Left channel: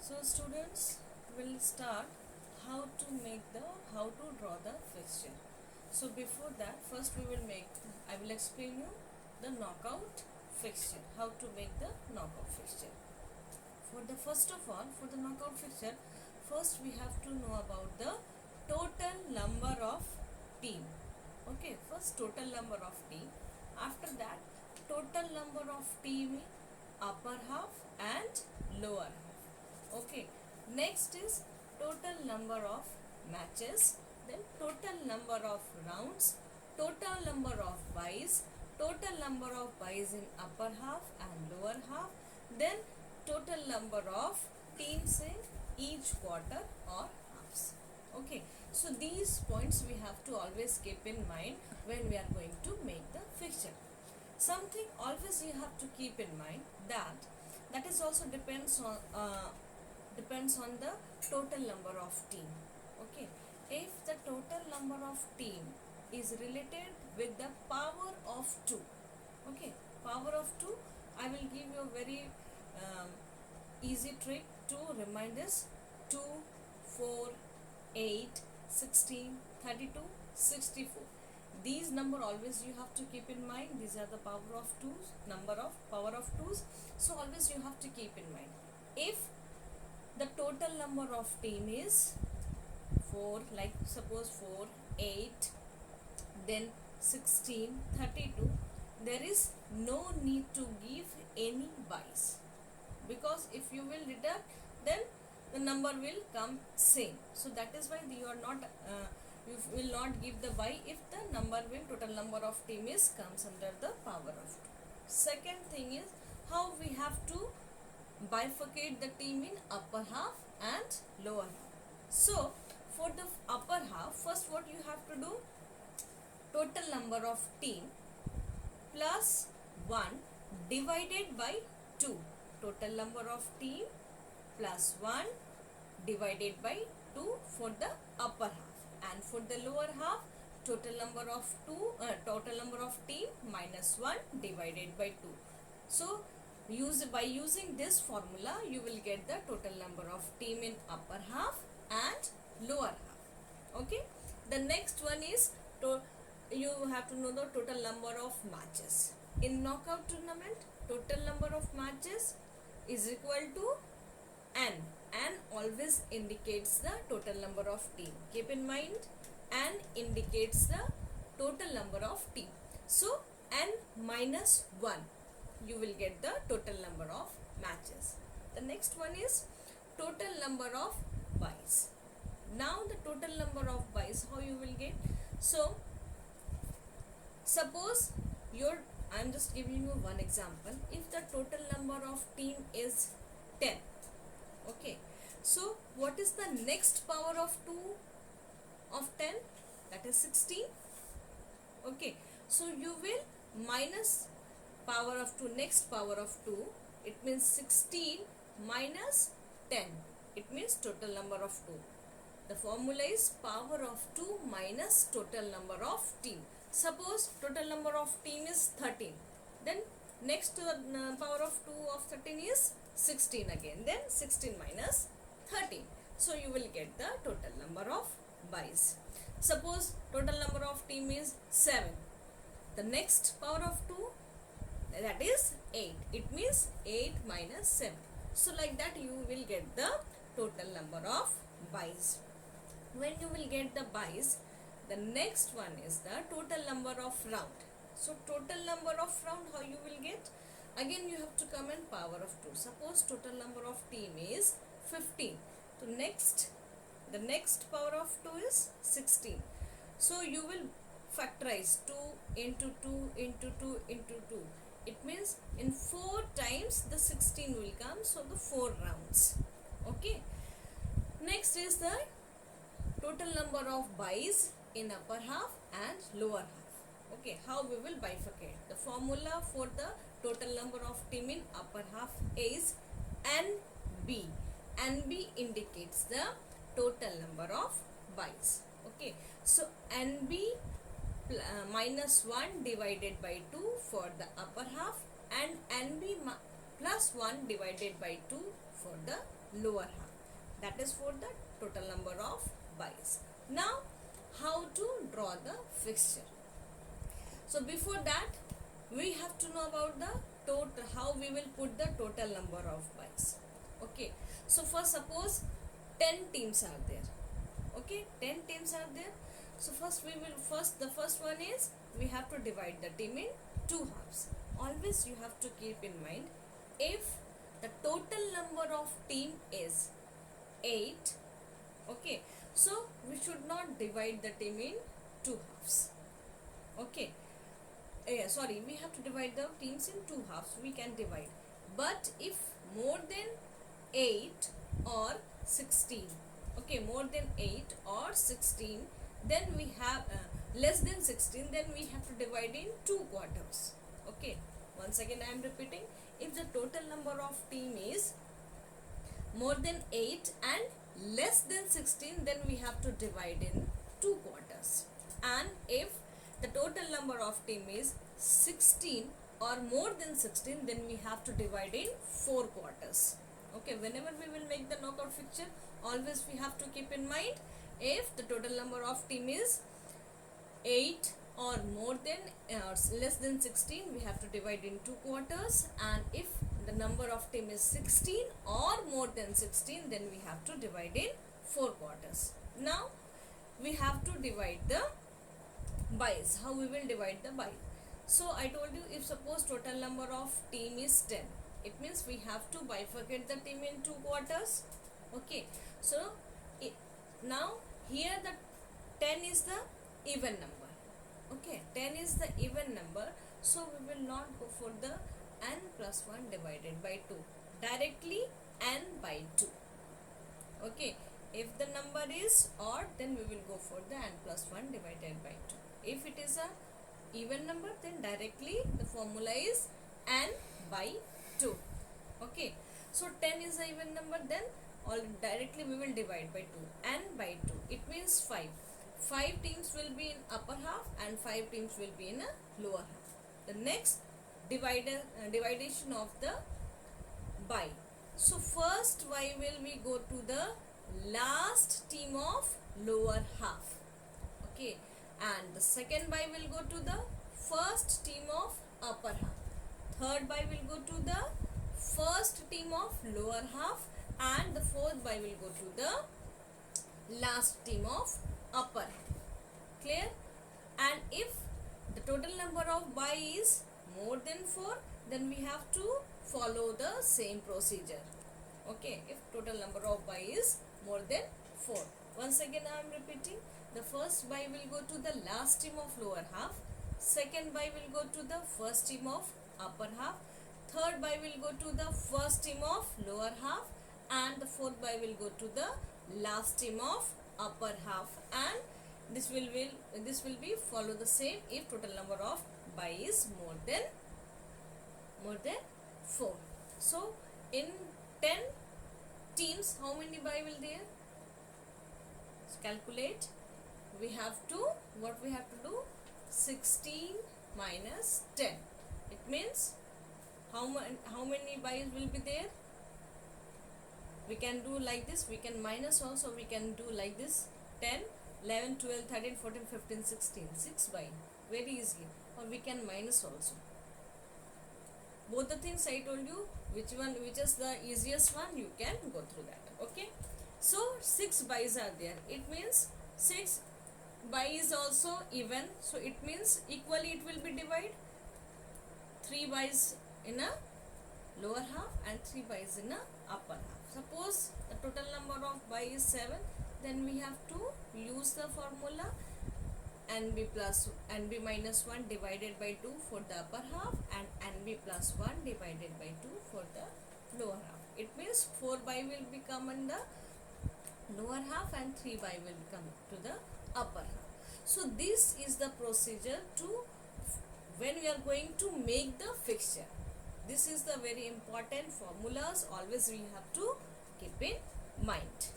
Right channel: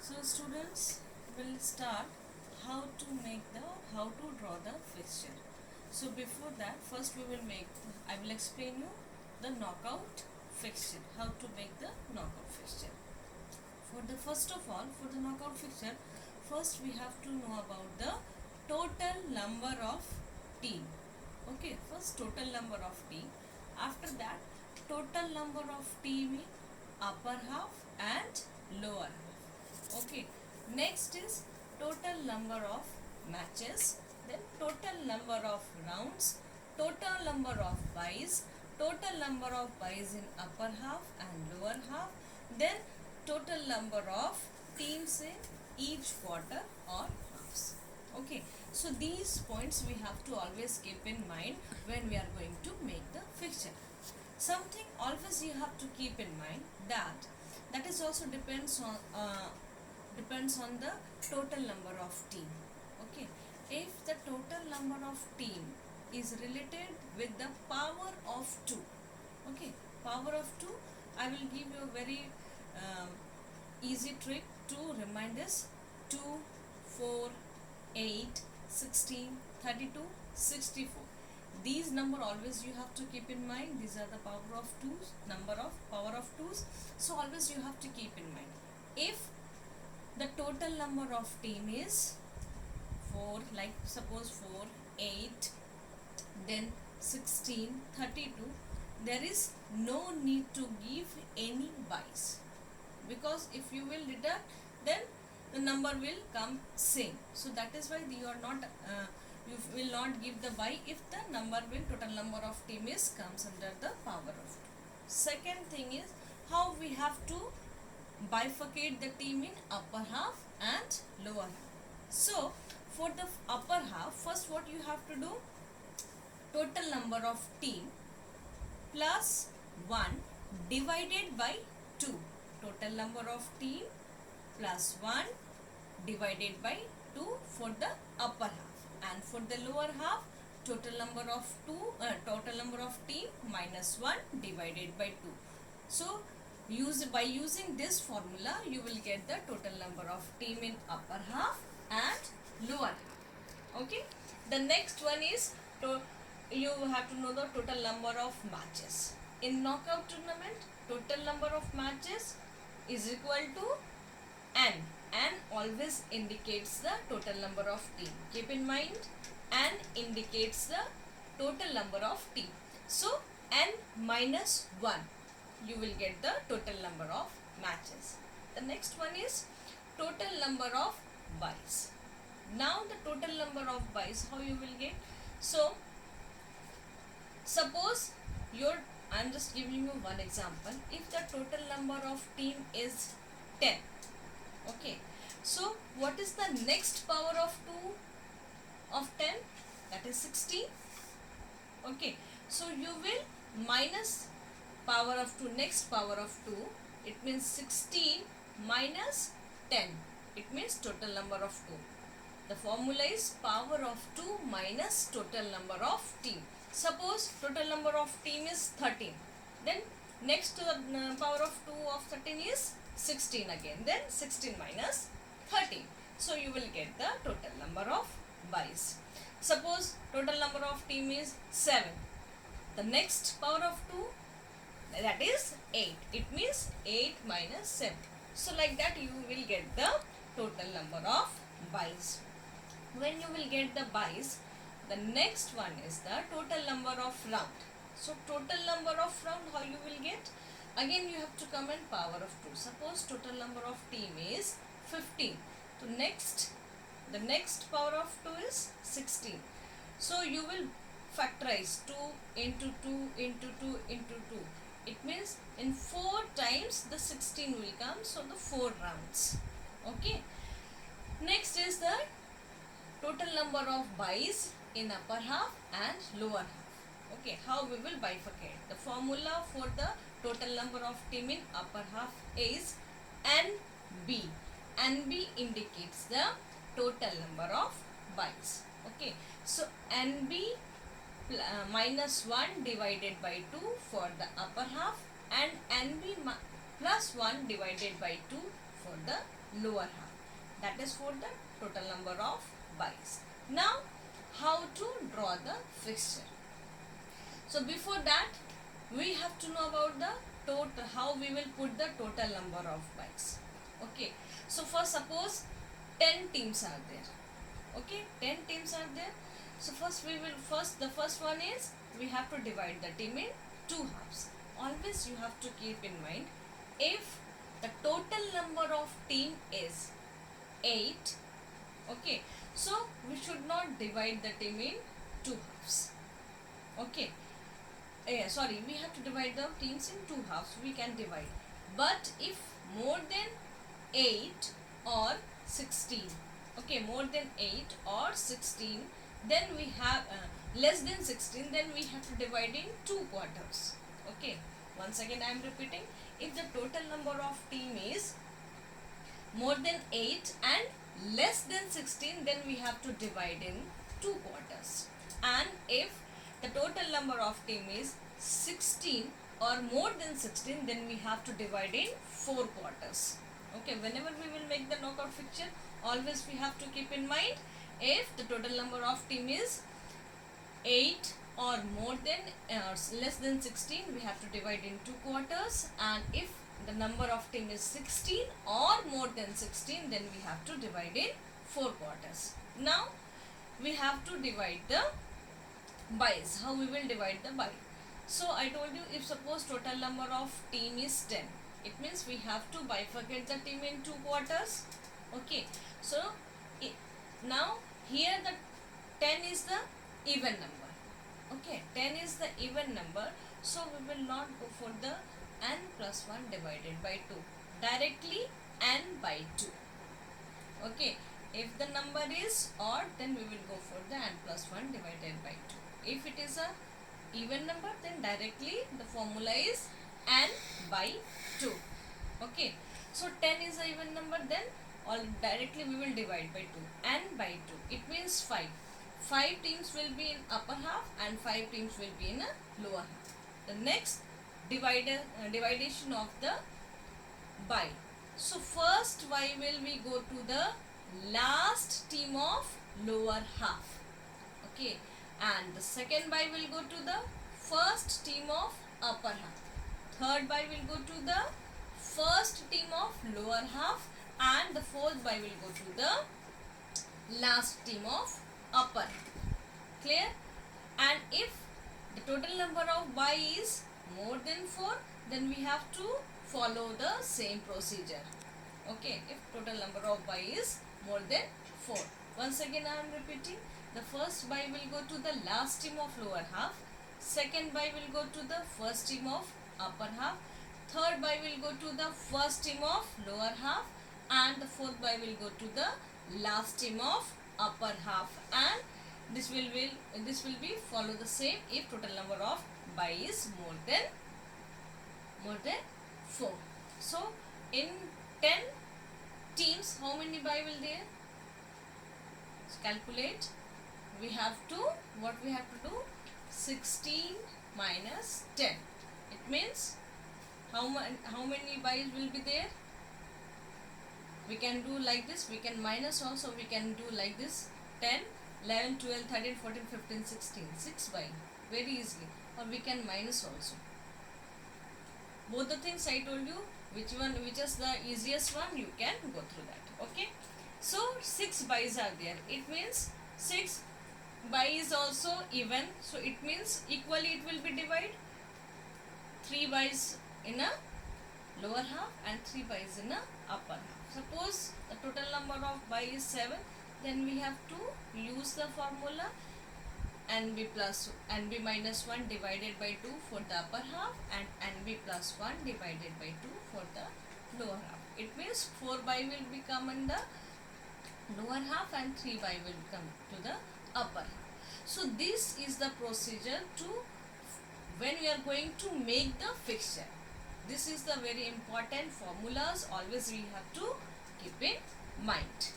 So students will start how to draw the fixture. So before that, first I will explain you the knockout fixture, how to make the knockout fixture. For the knockout fixture, first we have to know about the total number of team. Okay, first total number of team. After that, total number of team in upper half and lower half. Okay, next is total number of matches, then total number of rounds, total number of buys, total number of buys in upper half and lower half, then total number of teams in each quarter or halves. Okay, so these points we have to always keep in mind when we are going to make the fixture. Something always you have to keep in mind that is also depends on the total number of team. Okay, if the total number of team is related with the power of 2, okay, power of 2, I will give you a very easy trick to remind this: 2, 4, 8, 16, 32, 64. These number always you have to keep in mind. These are the power of 2's, number of power of 2's. So always you have to keep in mind. If the total number of team is 4, like suppose 4, 8, then 16, 32, there is no need to give any buys, because if you will deduct, then the number will come same. So that is why you will not give the buy if the total number of team is comes under the power of 2. Second thing is how we have to bifurcate the team in upper half and lower half. So for the upper half, first what you have to do, total number of team plus 1 divided by 2. Total number of team plus 1 divided by 2 for the upper half, and for the lower half, total number of team minus 1 divided by 2. So by using this formula, you will get the total number of team in upper half and lower half. Okay, the next one is you have to know the total number of matches. In knockout tournament, total number of matches is equal to n. N always indicates the total number of team. Keep in mind, n indicates the total number of team. So n minus 1, you will get the total number of matches. The next one is total number of buys. Now the total number of buys, how you will get? So suppose I am just giving you one example. If the total number of team is 10, okay, so what is the next power of 2 of 10? That is 16. Okay, so you will minus power of 2, next power of 2, it means 16 minus 10, it means total number of 2. The formula is power of 2 minus total number of team. Suppose total number of team is 13, then next to the power of 2 of 13 is 16 again, then 16 minus 13. So you will get the total number of buys. Suppose total number of team is 7, the next power of 2, that is 8, it means 8 minus 7. So like that you will get the total number of buys. When you will get the buys, the next one is the total number of round. So total number of round, how you will get? Again you have to come in power of 2. Suppose total number of team is 15. So the next power of 2 is 16. So you will factorize 2 into 2 into 2 into 2. It means in 4 times the 16 will come. So the 4 rounds. Okay. Next is the total number of buys in upper half and lower half. Okay, how we will bifurcate? The formula for the total number of team in upper half is NB. NB indicates the total number of buys. Okay, so NB minus 1 divided by 2 for the upper half, and NB plus 1 divided by 2 for the lower half. That is for the total number of buys. Now, how to draw the fixture? So before that, we have to know about the total, how we will put the total number of buys. Okay, so first suppose 10 teams are there. Okay, 10 teams are there. So the first one is we have to divide the team in two halves. Always you have to keep in mind, if the total number of team is 8, okay, so we should not divide the team in two halves. Okay, sorry, we have to divide the teams in two halves. We can divide, but if more than 8 or 16, okay, more than 8 or 16, then we have less than 16, then we have to divide in two quarters. Okay, once again I am repeating, if the total number of team is more than 8 and less than 16, then we have to divide in two quarters. And if the total number of team is 16 or more than 16, then we have to divide in 4 quarters. Okay, whenever we will make the knockout fixture, always we have to keep in mind, if the total number of team is 8 or more than less than 16, we have to divide in 2 quarters, and if the number of team is 16 or more than 16, then we have to divide in 4 quarters. Now we have to divide the buys. How we will divide the buy? So I told you, if suppose total number of team is 10, it means we have to bifurcate the team in 2 quarters. Okay, so now here the 10 is the even number. Okay, 10 is the even number, so we will not go for the n plus 1 divided by 2. Directly n by 2. Okay, if the number is odd, then we will go for the n plus 1 divided by 2. If it is a even number, then directly the formula is n by 2. Okay, so 10 is a even number, then directly we will divide by 2. N by 2, it means 5. 5 teams will be in upper half and 5 teams will be in a lower half. The next dividation of the by. So first, why will we go to the last team of lower half? Okay, and the second by will go to the first team of upper half. Third by will go to the first team of lower half, and the fourth by will go to the last team of upper half. Clear? And if the total number of by is more than 4, then we have to follow the same procedure. Okay, if total number of by is more than 4. Once again I am repeating, the first by will go to the last team of lower half, second by will go to the first team of upper half, third by will go to the first team of lower half, and the fourth by will go to the last team of upper half, and this will be follow the same if total number of by is more than 4. So in 10 teams, how many by will there? So calculate. We have to, what we have to do? 16 minus 10. It means how many byes will be there? We can do like this. We can minus also. We can do like this. 10, 11, 12, 13, 14, 15, 16. 6 by. Very easily. Or we can minus also. Both the things I told you, which is the easiest one, you can go through that. Okay. So 6 byes are there. It means 6 by is also even. So it means equally it will be divided. 3 byes in a lower half and 3 byes in a upper half. Suppose the total number of by is 7, then we have to use the formula nb minus 1 divided by 2 for the upper half and nb plus 1 divided by 2 for the lower half. It means 4 by will become in the lower half and 3 by will come to the upper half. So this is the procedure to when you are going to make the fixture. This is the very important formulas, always we have to keep in mind.